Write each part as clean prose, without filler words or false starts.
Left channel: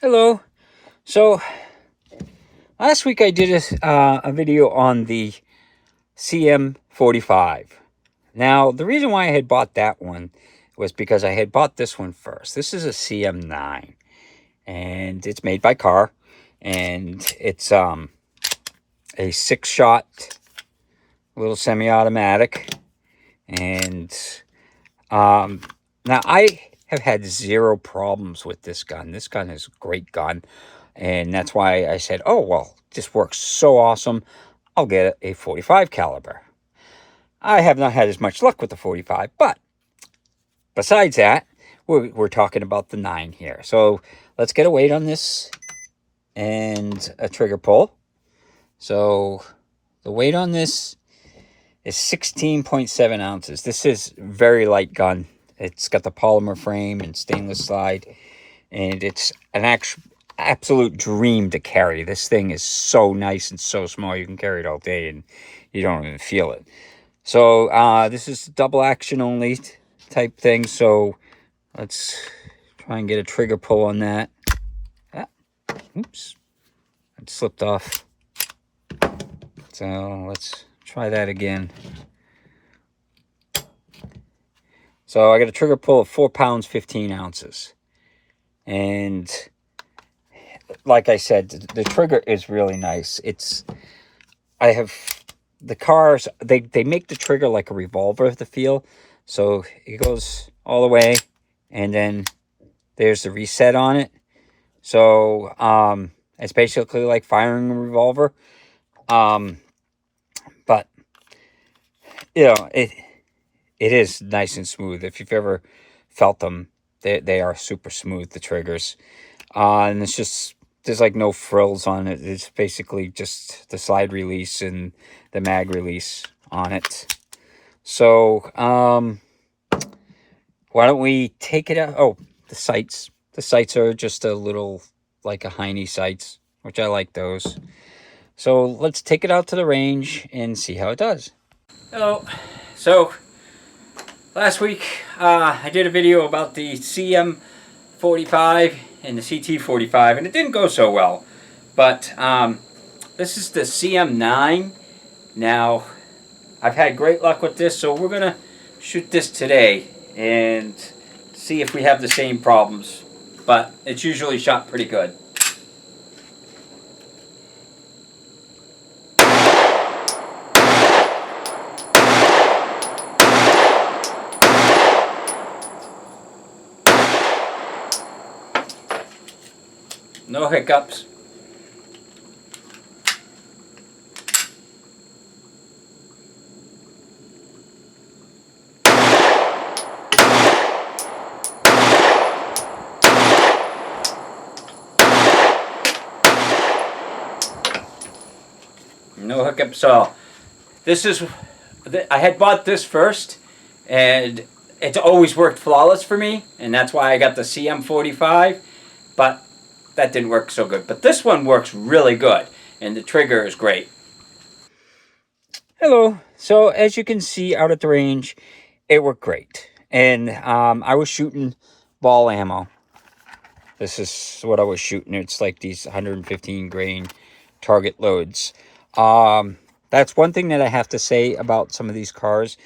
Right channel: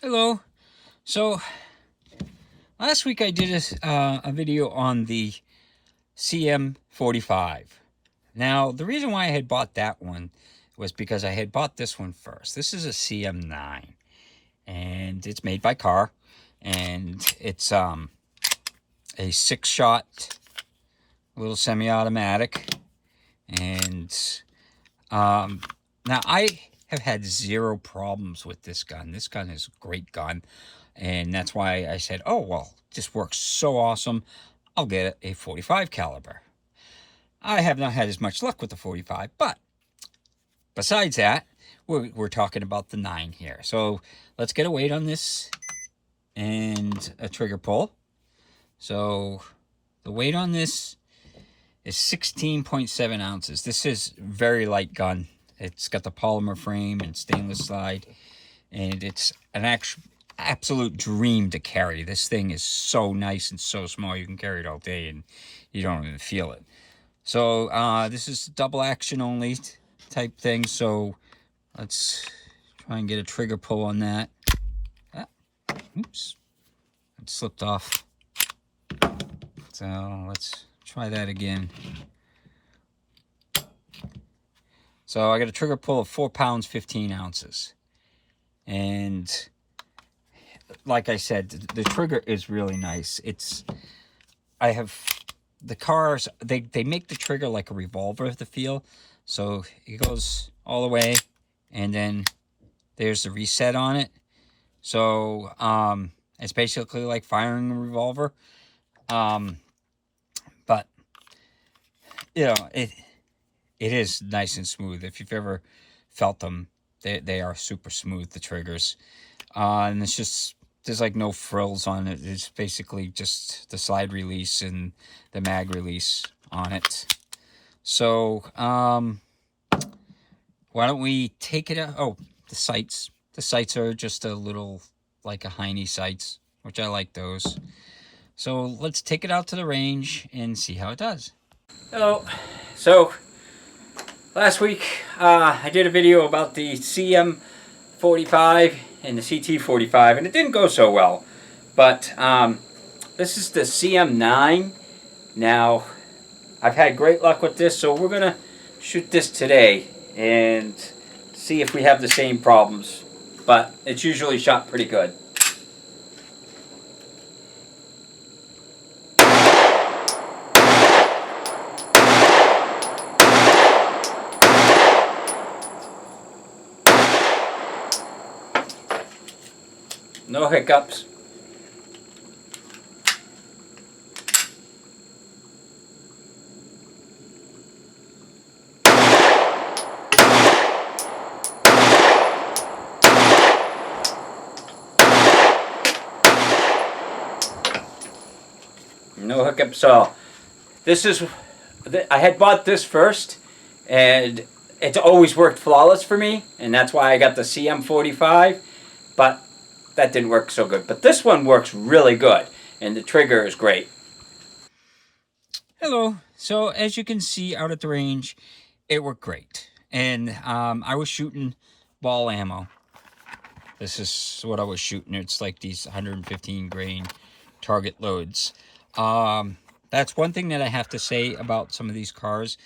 Hello. So last week I did a video on the CM45. Now, the reason why I had bought that one was because I had bought this one first. This is a CM9, and it's made by Kahr, and it's a 6-shot little semi-automatic. And now I have had zero problems with this gun. This gun is a great gun. And that's why I said, oh, well, this works so awesome. I'll get a 45 caliber. I have not had as much luck with the 45, but besides that, we're talking about the 9 here. So let's get a weight on this and a trigger pull. So the weight on this is 16.7 ounces. This is very light gun. It's got the polymer frame and stainless slide, and it's an absolute dream to carry. This thing is so nice and so small. You can carry it all day and you don't even feel it. So this is double action only type thing. So let's try and get a trigger pull on that. Oops, it slipped off. So let's try that again. So I got a trigger pull of 4 pounds, 15 ounces. And like I said, the trigger is really nice. I have the cars, they make the trigger like a revolver, the feel. So it goes all the way, and then there's the reset on it. So it's basically like firing a revolver. But you know, it is nice and smooth. If you've ever felt them, they are super smooth, the triggers. And it's just, there's like no frills on it. It's basically just the slide release and the mag release on it. So why don't we take it out? Oh, the sights. The sights are just a little like a Heine sights, which I like those. So let's take it out to the range and see how it does. Hello. So last week I did a video about the CM45 and the CT45, and it didn't go so well. But this is the CM9. Now, I've had great luck with this, so we're gonna shoot this today and see if we have the same problems. But it's usually shot pretty good. No hiccups. No hiccups at all. This is, I had bought this first, and it's always worked flawless for me, and that's why I got the CM45, but that didn't work so good. But this one works really good, and the trigger is great. Hello. So as you can see out at the range, it worked great. And I was shooting ball ammo. This is what I was shooting. It's like these 115 grain target loads. That's one thing that I have to say about some of these cars.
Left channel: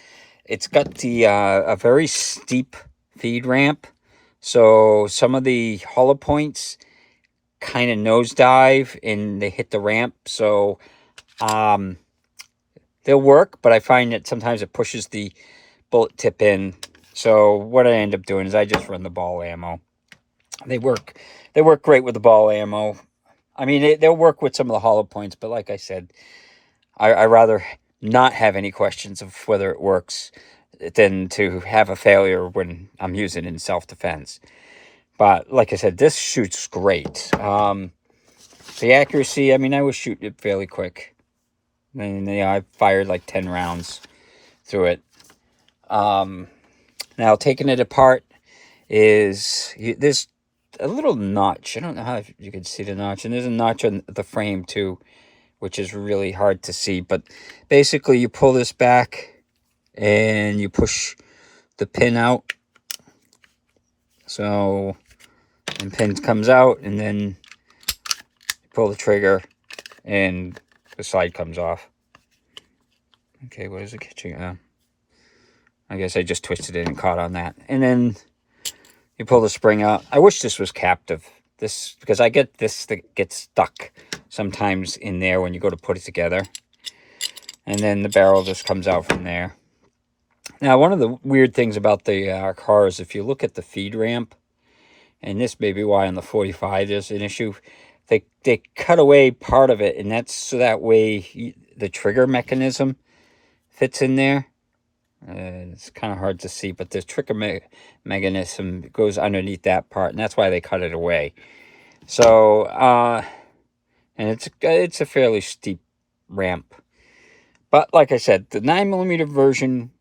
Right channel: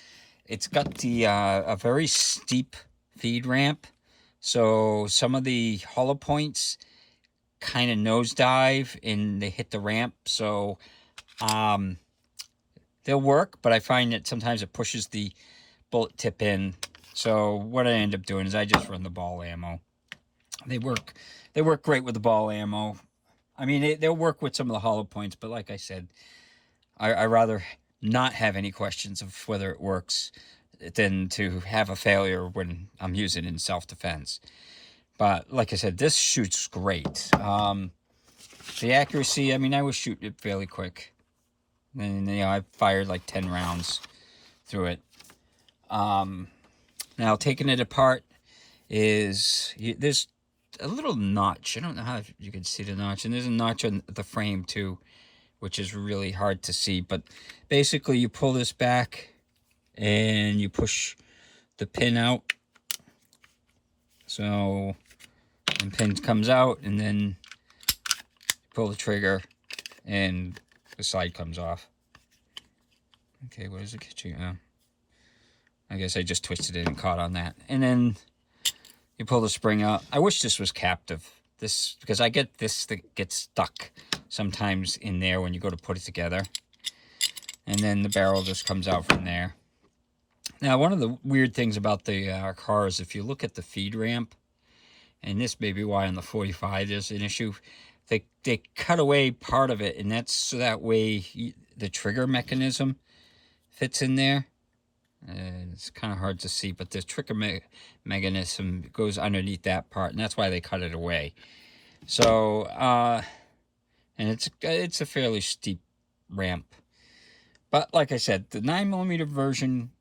It's got the a very steep feed ramp. So some of the hollow points kind of nosedive and they hit the ramp. So they'll work, but I find that sometimes it pushes the bullet tip in. So what I end up doing is I just run the ball ammo. They work great with the ball ammo. I mean, they'll work with some of the hollow points, but like I said, I rather not have any questions of whether it works than to have a failure when I'm using it in self-defense. But like I said, this shoots great. The accuracy, I mean, I was shooting it fairly quick. And yeah, I fired like 10 rounds through it. Now, taking it apart is, there's a little notch. I don't know how you can see the notch. And there's a notch on the frame too, which is really hard to see. But basically, you pull this back and you push the pin out. So and pin comes out, and then pull the trigger and the slide comes off. Okay, what is it catching? I guess I just twisted it and caught on that. And then you pull the spring out. I wish this was captive. This, because I get this that gets stuck sometimes in there when you go to put it together. And then the barrel just comes out from there. Now, one of the weird things about the car is if you look at the feed ramp, and this may be why on the 45 there's an issue, they cut away part of it, and that's so that way the trigger mechanism fits in there. It's kind of hard to see, but the trigger mechanism goes underneath that part, and that's why they cut it away. So, and it's a fairly steep ramp. But like I said, the 9mm version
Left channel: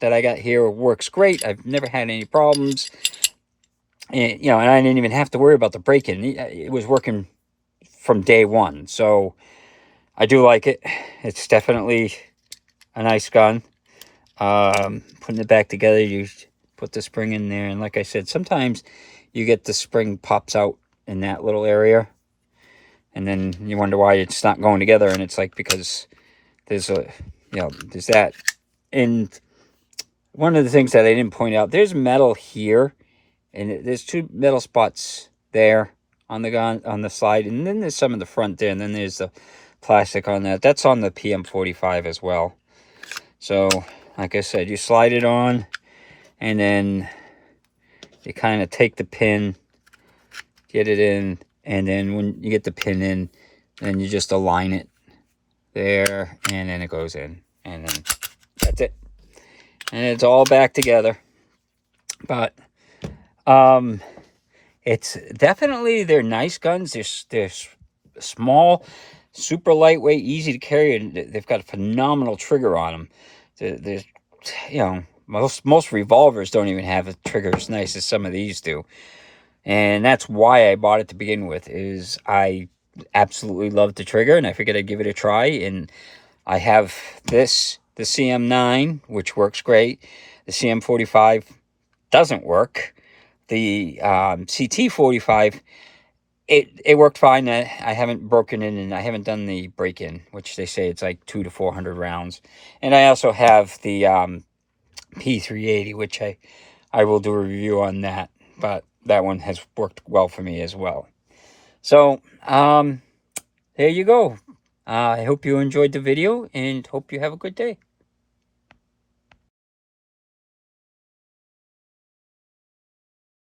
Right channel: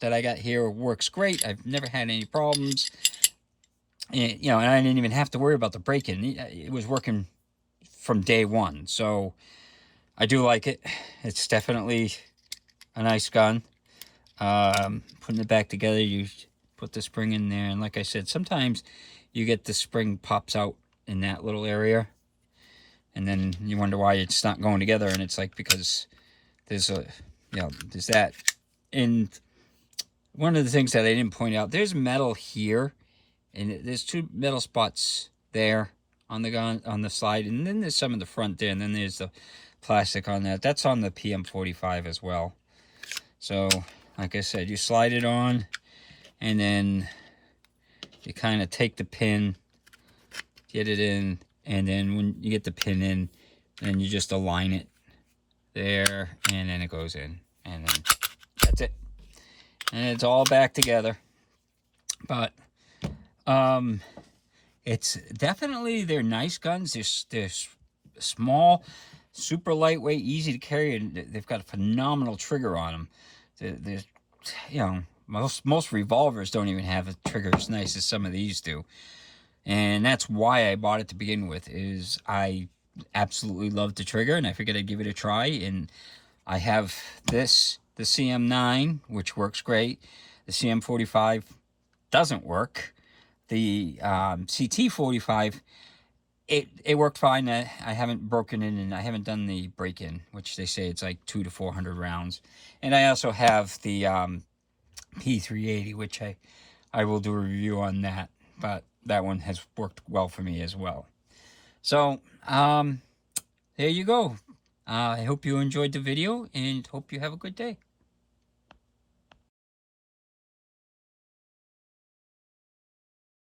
that I got here works great. I've never had any problems. And, you know, and I didn't even have to worry about the break-in. It was working from day one. So I do like it. It's definitely a nice gun. Putting it back together, you put the spring in there. And like I said, sometimes you get the spring pops out in that little area. And then you wonder why it's not going together. And it's like because there's there's that. And one of the things that I didn't point out, there's metal here. And there's two metal spots there on the gun, on the slide. And then there's some in the front there. And then there's the plastic on that. That's on the PM45 as well. So, like I said, you slide it on. And then you kind of take the pin, get it in. And then when you get the pin in, then you just align it there. And then it goes in. And then that's it. And it's all back together. But it's definitely, they're nice guns. They're small, super lightweight, easy to carry, and they've got a phenomenal trigger on them. There's, you know, most revolvers don't even have a trigger as nice as some of these do. And that's why I bought it to begin with, is I absolutely love the trigger, and I figured I'd give it a try. And I have this, the CM9, which works great. The CM45 doesn't work. The CT45, it worked fine. I haven't broken in, and I haven't done the break-in, which they say it's like 200 to 400 rounds. And I also have the P380, which I will do a review on that. But that one has worked well for me as well. So, there you go. I hope you enjoyed the video, and hope you have a good day.